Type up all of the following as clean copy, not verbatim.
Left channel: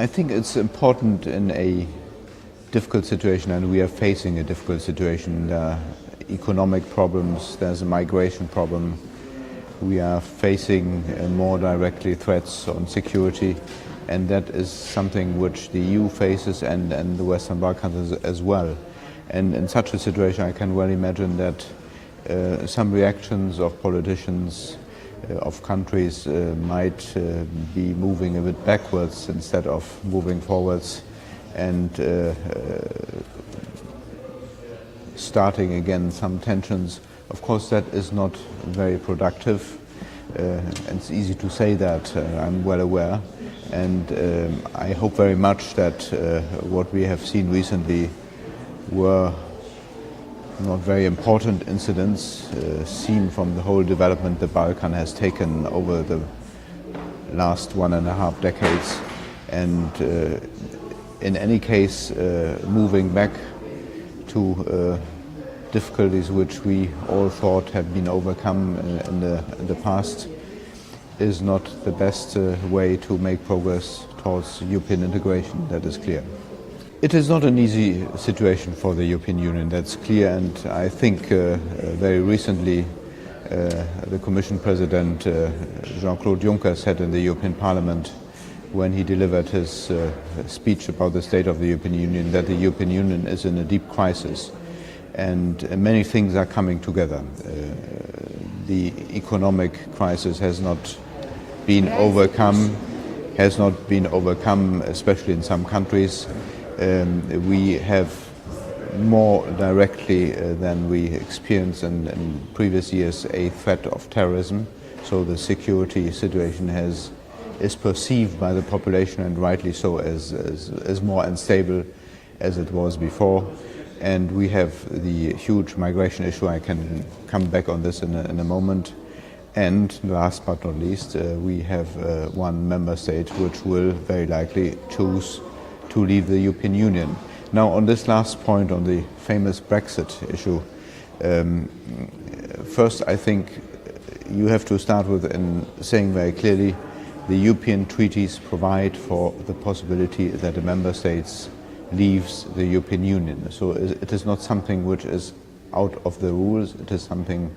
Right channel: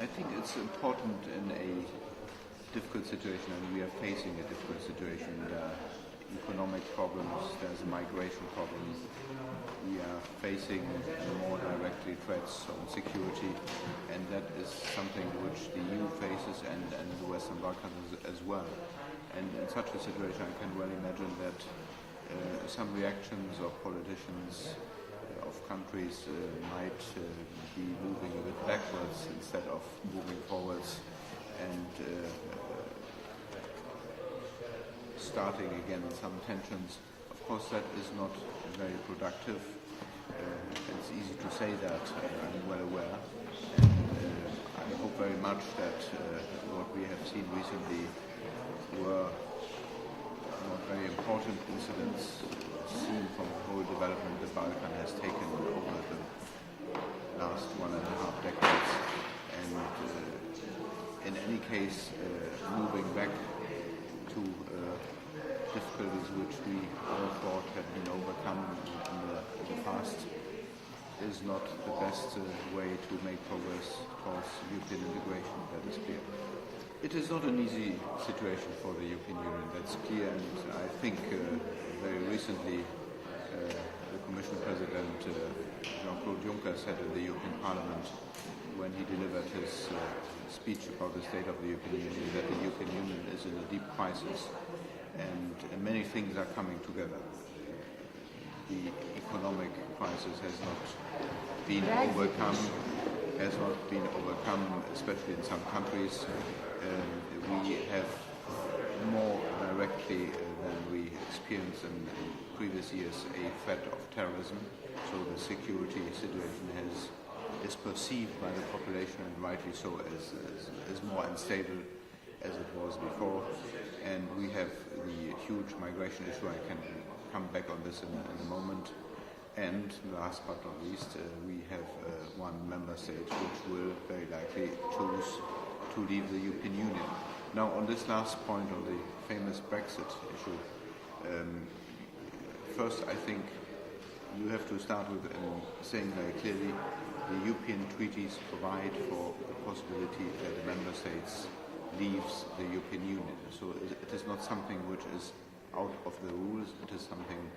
I think it's important in a difficult situation, and we are facing a difficult situation. There are economic problems, there's a migration problem. We are facing more directly threats on security, and that is something which the EU faces and the Western Balkans as well. And in such a situation, I can well imagine that some reactions of politicians of countries might be moving a bit backwards instead of moving forwards, and starting again some tensions. Of course, that is not very productive. It's easy to say that, I'm well aware. And I hope very much that what we have seen recently were not very important incidents seen from the whole development the Balkan has taken over the last 1.5 decades. And in any case, moving back to difficulties which we all thought had been overcome in the past is not the best way to make progress towards European integration, that is clear. It is not an easy situation for the European Union, that's clear, and I think very recently the Commission President Jean-Claude Juncker said in the European Parliament when he delivered his speech about the state of the European Union that the European Union is in a deep crisis, and many things are coming together. The economic crisis has not been overcome, especially in some countries. We have more directly than we experienced in previous years a threat of terrorism, so the security situation is perceived by the population, and rightly so, as more unstable as it was before. And we have the huge migration issue. I can come back on this in a moment. And last but not least, we have one member state which will very likely choose to leave the European Union. Now, on this last point, on the famous Brexit issue, first I think you have to start with in saying very clearly the European treaties provide for the possibility that a member state leaves the European Union. So it is not something which is out of the rules, it is something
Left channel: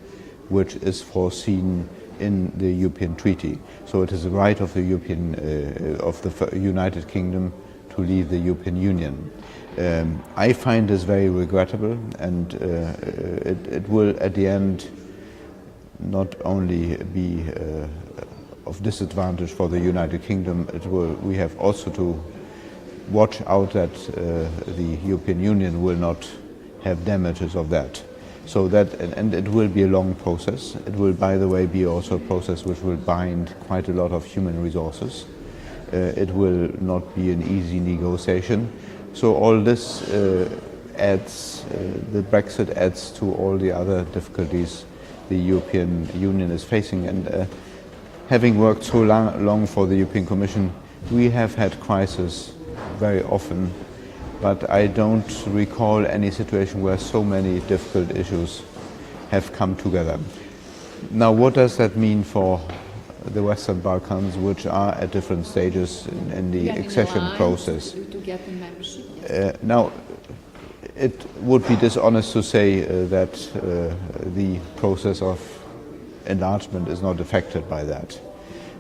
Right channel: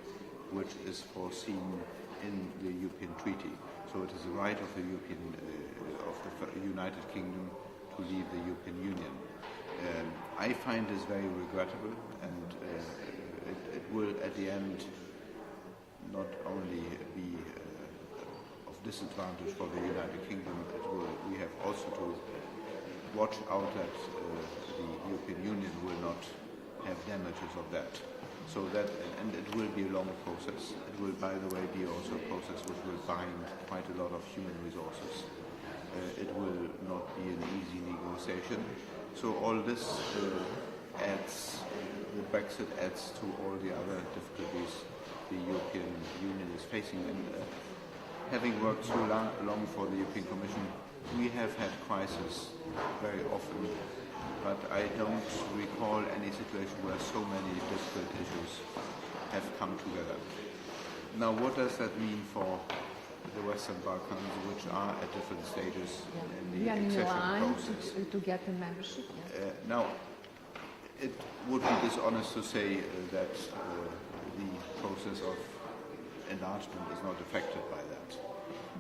which is foreseen in the European Treaty. So it is a right of the United Kingdom to leave the European Union. I find this very regrettable, and it will at the end not only be of disadvantage for the United Kingdom, we have also to watch out that the European Union will not have damages of that. So that, and it will be a long process. It will, by the way, be also a process which will bind quite a lot of human resources. It will not be an easy negotiation. So all this adds, the Brexit adds to all the other difficulties the European Union is facing. And having worked so long for the European Commission, we have had crises very often, but I don't recall any situation where so many difficult issues have come together. Now, what does that mean for the Western Balkans, which are at different stages in the accession process? To get the membership. Now, it would be dishonest to say that the process of enlargement is not affected by that.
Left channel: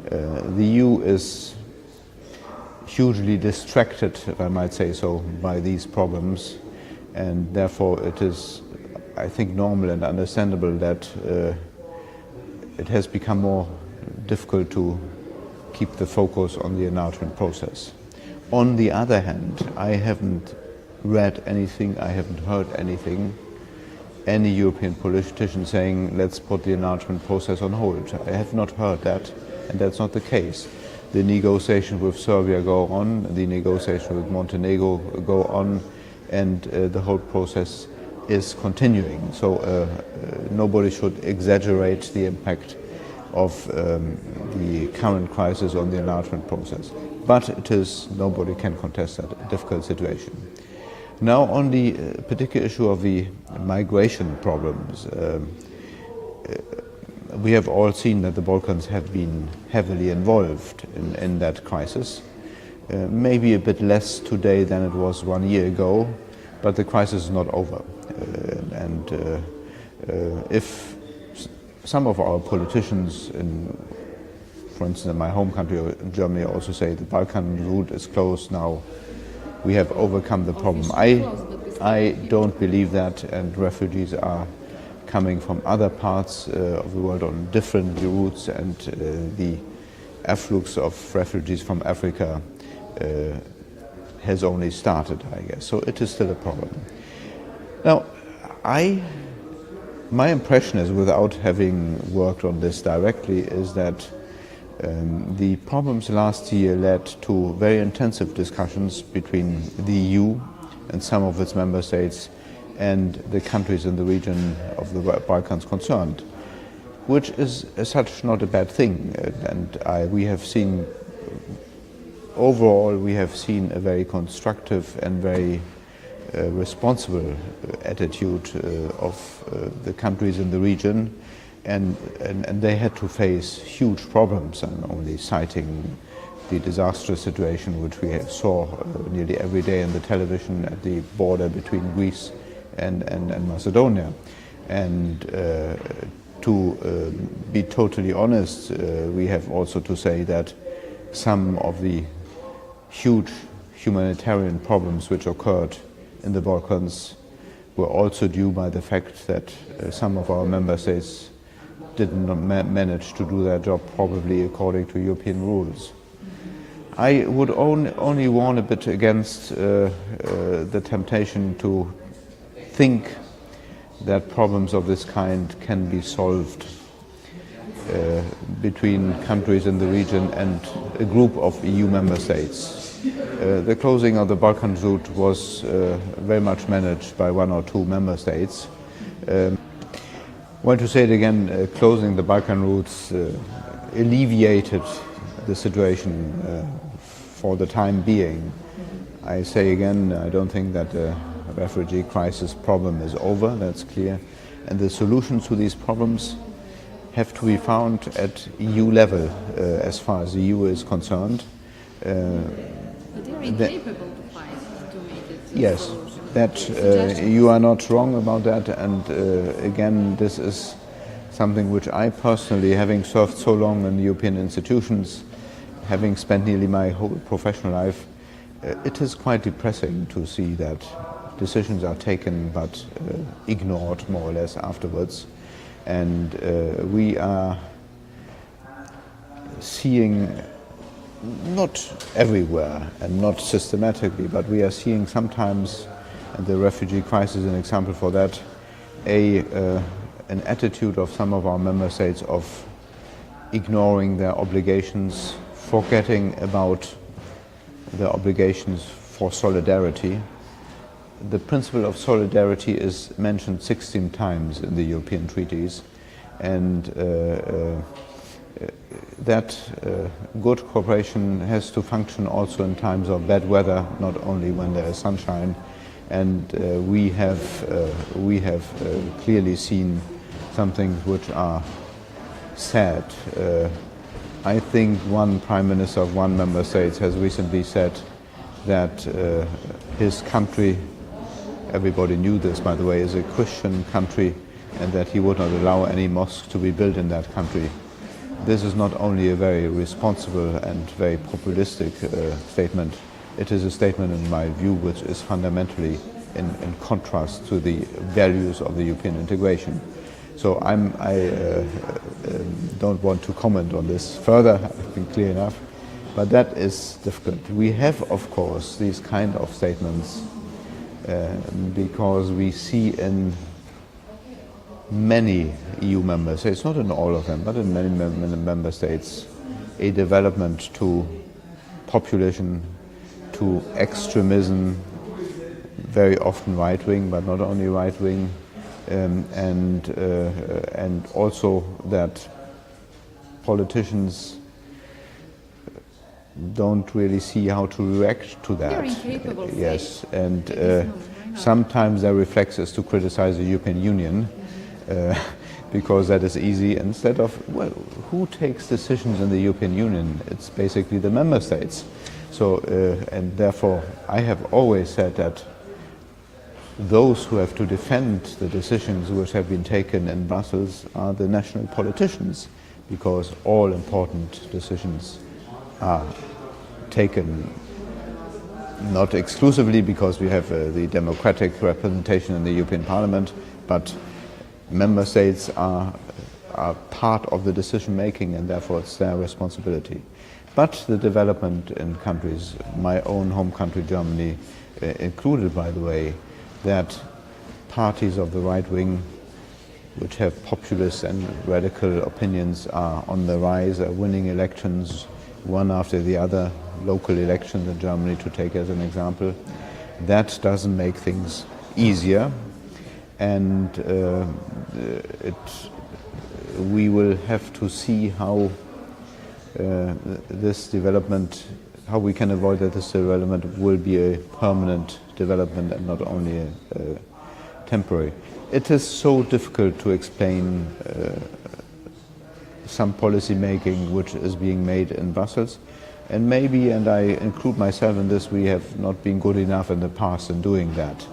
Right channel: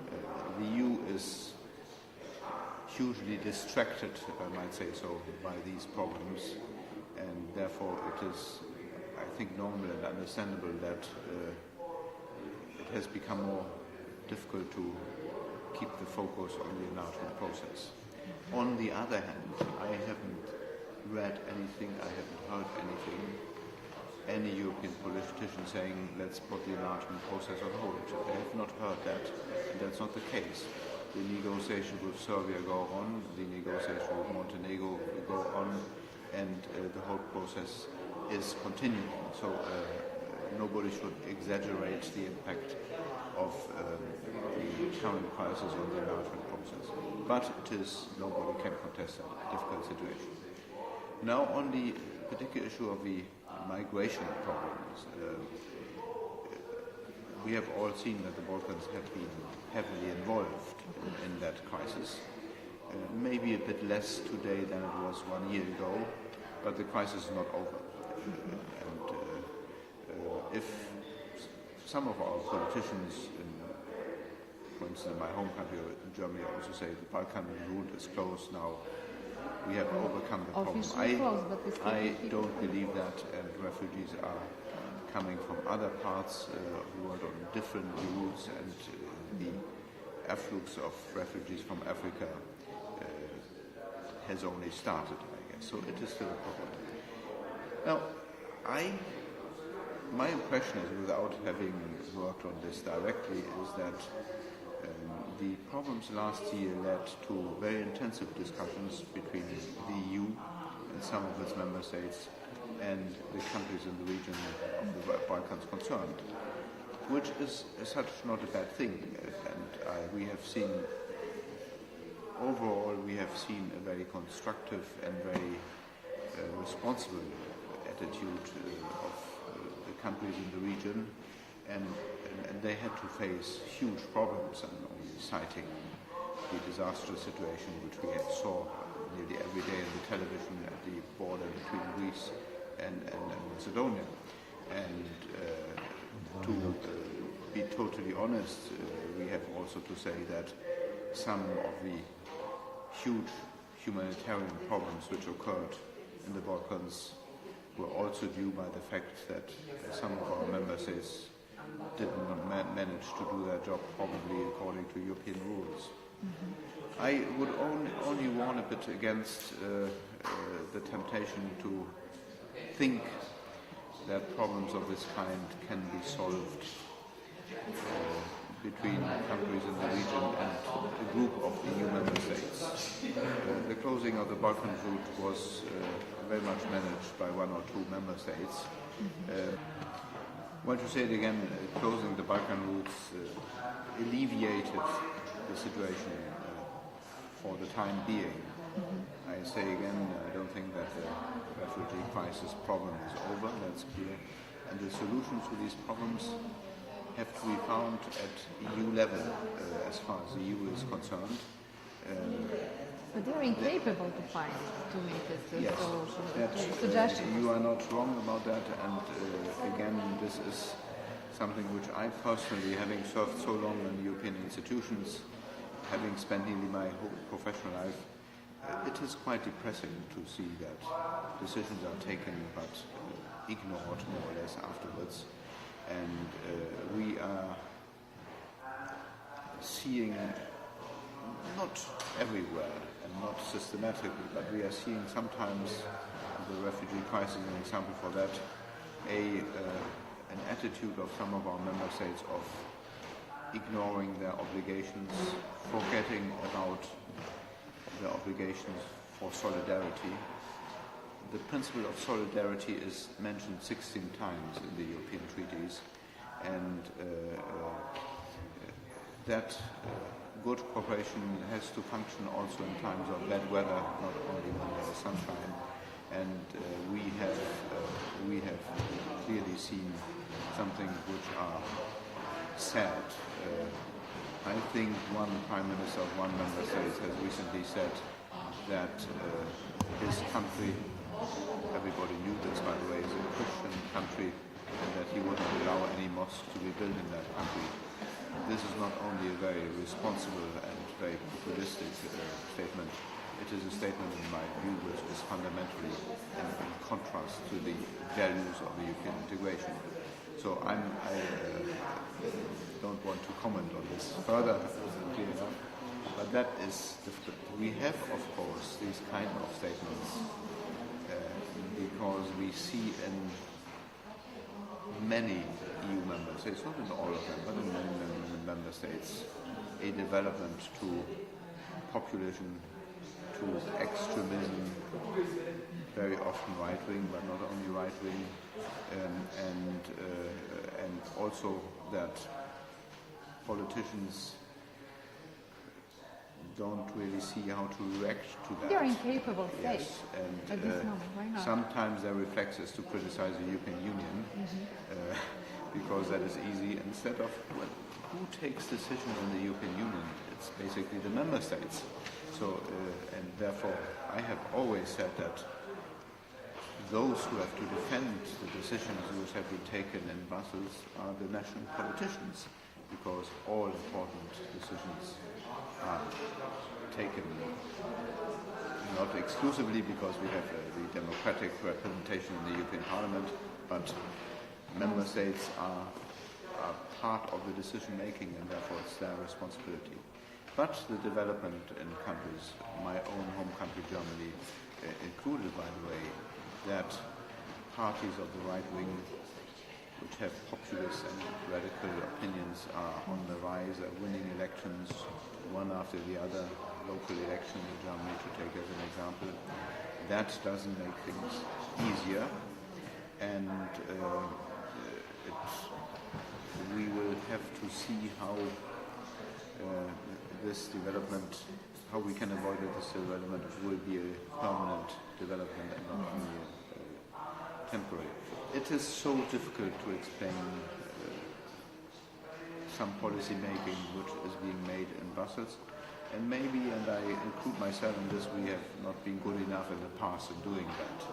The EU is hugely distracted, if I might say so, by these problems, and therefore it is, I think, normal and understandable that it has become more difficult to keep the focus on the enlargement process. On the other hand, I haven't read anything, I haven't heard anything, any European politician saying, let's put the enlargement process on hold. I have not heard that, and that's not the case. The negotiations with Serbia go on, the negotiations with Montenegro go on, and the whole process is continuing. So nobody should exaggerate the impact of the current crisis on the enlargement process. But it is, nobody can contest that, a difficult situation. Now, on the particular issue of the migration problems, we have all seen that the Balkans have been heavily involved in that crisis. maybe a bit less today than it was 1 year ago, but the crisis is not over. If some of our politicians, for instance, in my home country, in Germany, also say the Balkan route is closed now, we have overcome the problem. I don't believe that, and refugees are coming from other parts of the world on different routes, and the afflux of refugees from Africa has only started, I guess. So it is still a problem. Now, my impression is, without having worked on this directly, is that the problems last year led to very intensive discussions between the EU and some of its member states and the countries in the region of the Balkans concerned, which is as such not a bad thing. We have seen, overall, we have seen a very constructive and very responsible attitude of the countries in the region, and they had to face huge problems. I'm only citing the disastrous situation which we saw nearly every day on the television at the border between Greece and Macedonia. And to be totally honest, we have also to say that some of the huge humanitarian problems which occurred in the Balkans were also due by the fact that some of our member states did not manage to do their job probably according to European rules. I would only warn a bit against the temptation to think that problems of this kind can be solved between countries in the region and a group of EU member states. The closing of the Balkan route was very much managed by 1 or 2 member states. Well, to say it again, closing the Balkan routes alleviated the situation for the time being. I say again, I don't think that the refugee crisis problem is over, that's clear. And the solutions to these problems have to be found at EU level as far as the EU is concerned. But they're incapable to make it. Yes, that you are not wrong about that, and again, this is something which I personally, having served so long in European institutions, having spent nearly my whole professional life, it is quite depressing to see that decisions are taken but ignored more or less afterwards, and we are seeing, not everywhere and not systematically, but we are seeing sometimes, and the refugee crisis is an example for that, an attitude of some of our member states of ignoring their obligations, forgetting about their obligations for solidarity. The principle of solidarity is mentioned 16 times in the European treaties, and that good cooperation has to function also in times of bad weather, not only when there is sunshine. And we have clearly seen some things which are sad. I think one Prime Minister of one member state has recently said that his country, everybody knew this by the way, is a Christian country, and that he would not allow any mosque to be built in that country. This is not only a very responsible and very populistic statement, it is a statement in my view which is fundamentally in contrast to the values of the European integration. So I don't want to comment on this further, I think clear enough, but that is difficult. We have, of course, these kind of statements because we see in many EU member states, not in all of them, but in many member states, a development to populism, to extremism, very often right-wing, but not only right-wing, and also that politicians don't really see how to react to that. They're incapable. Yes, and sometimes their reflex is to criticize the European Union, because that is easy, instead of, well, who takes decisions in the European Union? It's basically the member states. And therefore, I have always said that those who have to defend the decisions which have been taken in Brussels are the national politicians, because all important decisions are taken not exclusively because we have the democratic representation in the European Parliament, but member states are part of the decision making, and therefore it's their responsibility. But the development in countries, my own home country Germany included by the way, that parties of the right wing which have populist and radical opinions are on the rise, are winning elections one after the other, local elections in Germany to take as an example. That doesn't make things easier, and we will have to see how this development, how we can avoid that this development will be a permanent development and not only temporary. It is so difficult to explain some policy making which is being made in Brussels, and maybe, and I include myself in this, we have not been good enough in the past in doing that.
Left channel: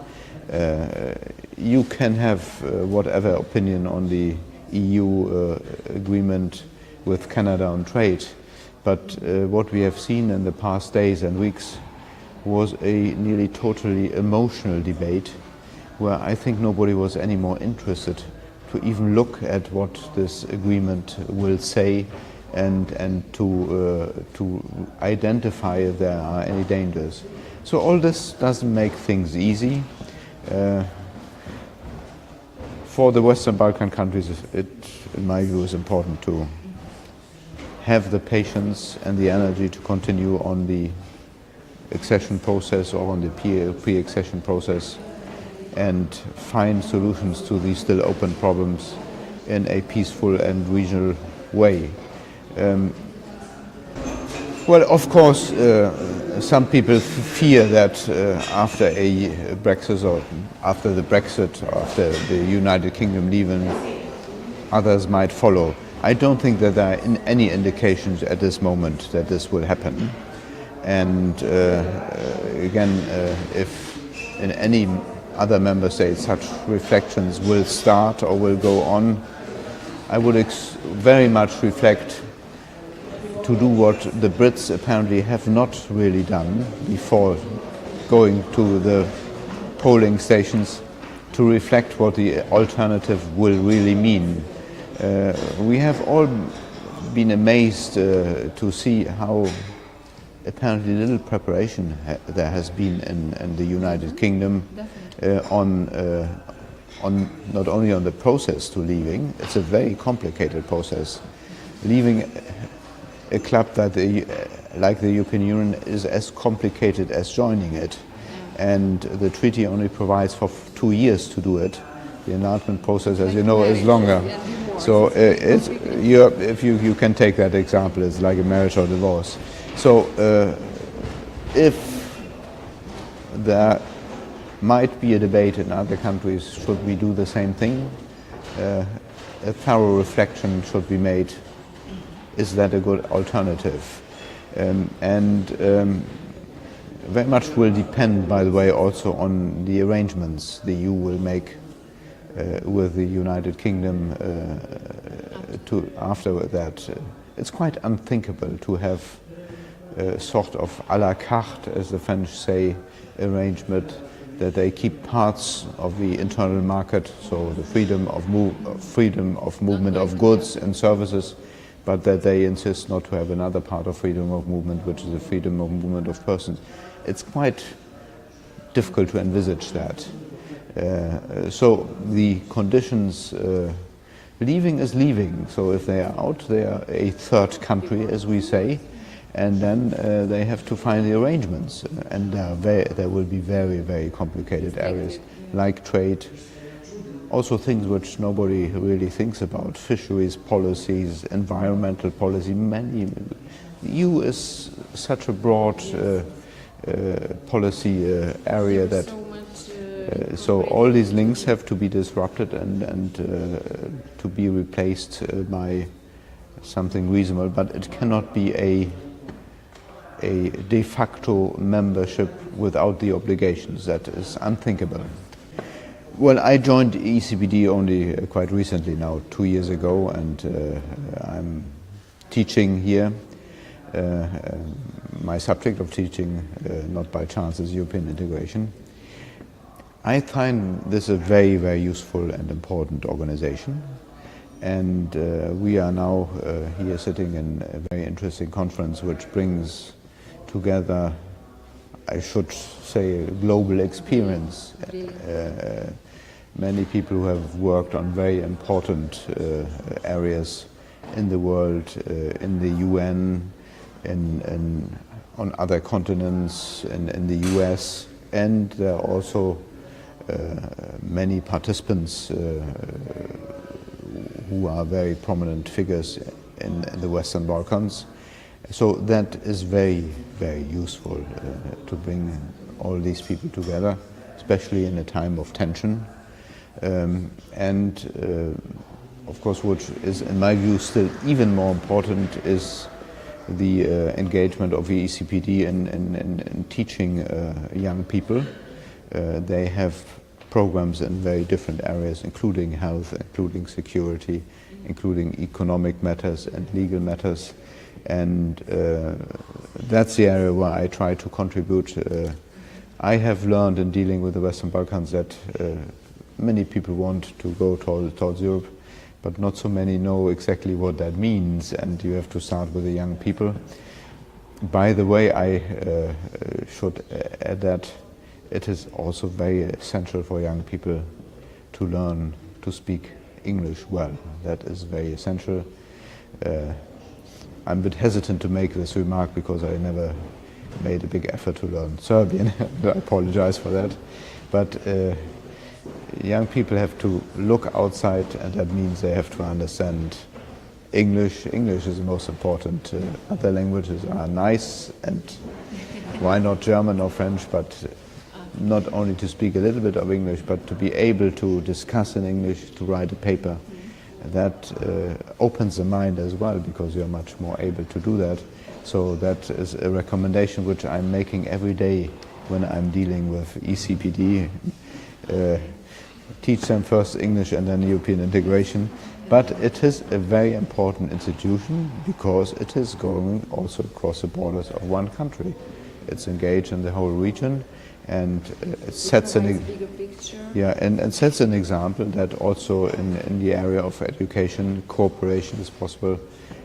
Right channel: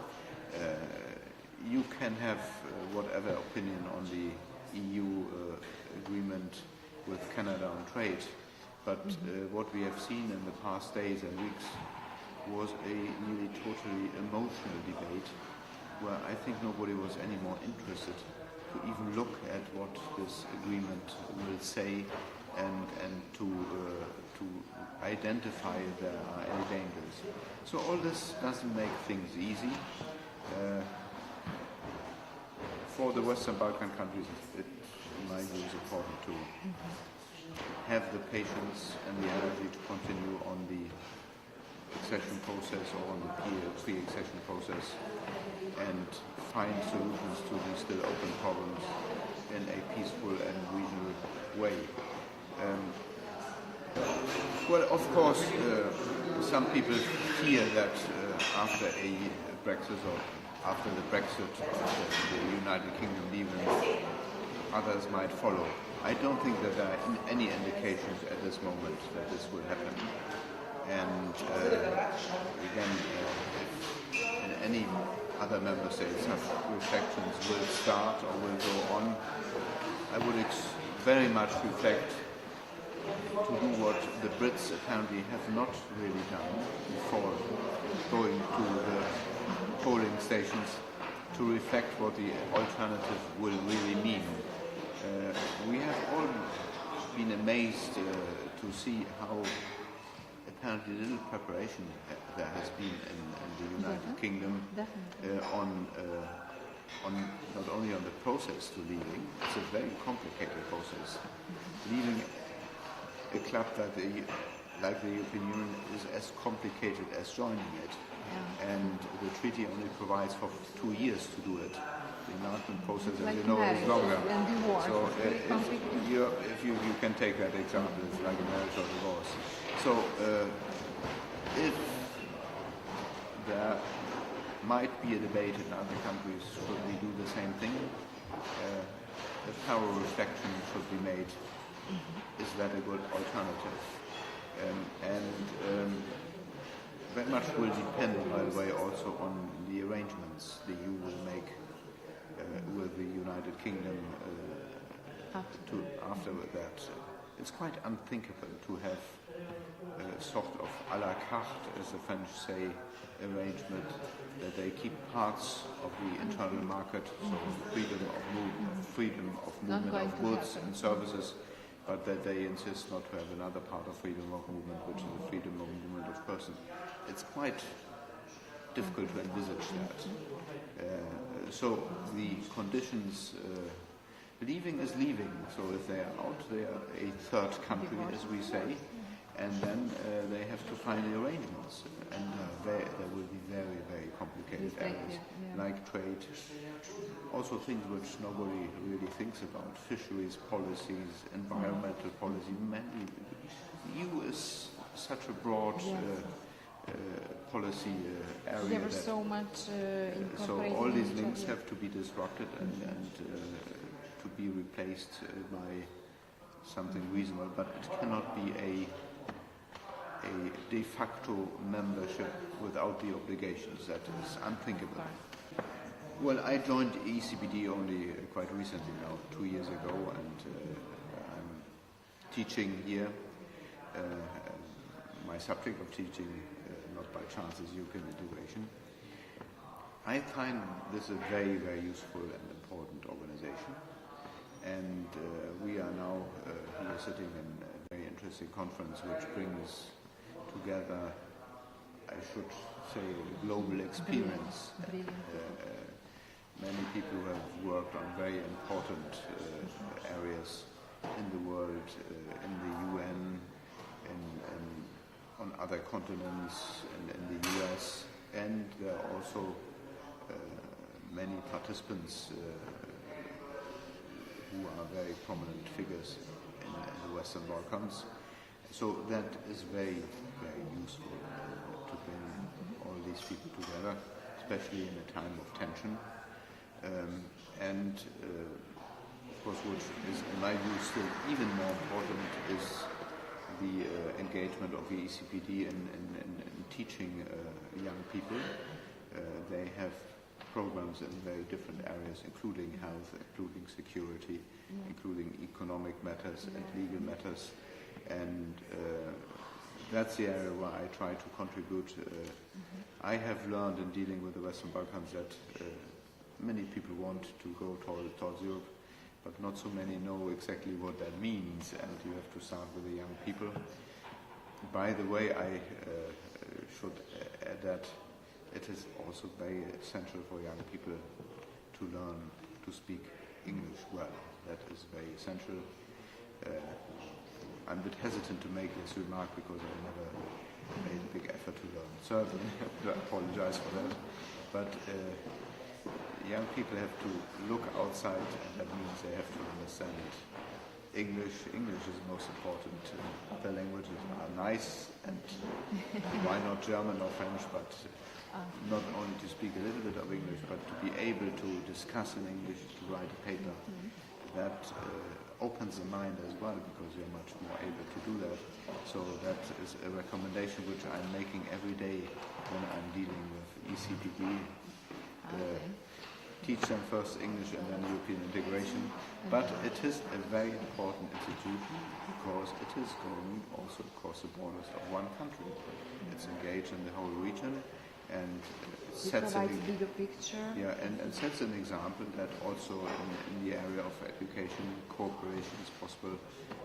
You can have whatever opinion on the EU agreement with Canada on trade, but what we have seen in the past days and weeks was a nearly totally emotional debate where I think nobody was any more interested to even look at what this agreement will say and to identify if there are any dangers. So all this doesn't make things easy. For the Western Balkan countries, it, in my view, is important to have the patience and the energy to continue on the accession process or on the pre-accession process and find solutions to these still open problems in a peaceful and regional way. Well, of course, some people fear that after a Brexit or after the Brexit or after the United Kingdom leaving, others might follow. I don't think that there are any indications at this moment that this will happen. And again, if in any other member states such reflections will start or will go on, I would very much reflect to do what the Brits apparently have not really done before going to the polling stations, to reflect what the alternative will really mean. We have all been amazed to see how apparently little preparation there has been in the United Kingdom on not only on the process to leaving. It's a very complicated process. Leaving a club that like the European Union is as complicated as joining it, and the treaty only provides for 2 years to do it. The enlargement process, as you know, is longer. So if you can take that example, it's like a marriage or divorce. So if there might be a debate in other countries, should we do the same thing? A thorough reflection should be made. Is that a good alternative? Very much will depend, by the way, also on the arrangements the EU will make with the United Kingdom after that. It's quite unthinkable to have a sort of à la carte, as the French say, arrangement, that they keep parts of the internal market, so the freedom of movement of goods and services, but that they insist not to have another part of freedom of movement, which is the freedom of movement of persons. It's quite difficult to envisage that. So the conditions, leaving is leaving. So if they are out, they are a third country, as we say, and then they have to find the arrangements. And there will be very, very complicated areas, like trade, also things which nobody really thinks about, fisheries policies, environmental policy. The EU is such a broad policy area that so all these links have to be disrupted and to be replaced by something reasonable, but it cannot be a de facto membership without the obligations. That is unthinkable. Well, I joined ECPD only quite recently now, 2 years ago, and I'm teaching here. My subject of teaching, not by chance, is European integration. I find this a very, very useful and important organization. And we are now here sitting in a very interesting conference which brings together, I should say, global experience. Many people who have worked on very important areas in the world, in the UN, on other continents, in the US, and there are also many participants who are very prominent figures in the Western Balkans. So that is very, very useful to bring all these people together, especially in a time of tension. Of course, what is, in my view, still even more important is the engagement of the ECPD in teaching young people. They have programs in very different areas, including health, including security, including economic matters and legal matters. And that's the area where I try to contribute. I have learned in dealing with the Western Balkans that many people want to go towards Europe, but not so many know exactly what that means, and you have to start with the young people. By the way, I should add that it is also very essential for young people to learn to speak English well. That is very essential. I'm a bit hesitant to make this remark because I never made a big effort to learn Serbian. I apologize for that. But young people have to look outside, and that means they have to understand English. English is the most important. Other languages are nice, and why not German or French, but not only to speak a little bit of English, but to be able to discuss in English, to write a paper. That opens the mind as well, because you're much more able to do that. So that is a recommendation which I'm making every day when I'm dealing with ECPD. Teach them first English and then European integration. But it is a very important institution because it is going also across the borders of one country. It's engaged in the whole region, and it sets and sets an example that also in the area of education, cooperation is possible,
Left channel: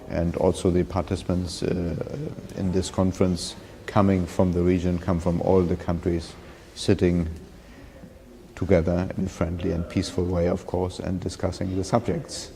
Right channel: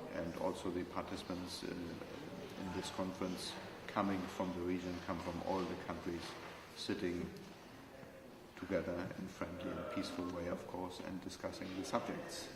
and also the participants in this conference coming from the region, come from all the countries, sitting together in a friendly and peaceful way, of course, and discussing the subjects.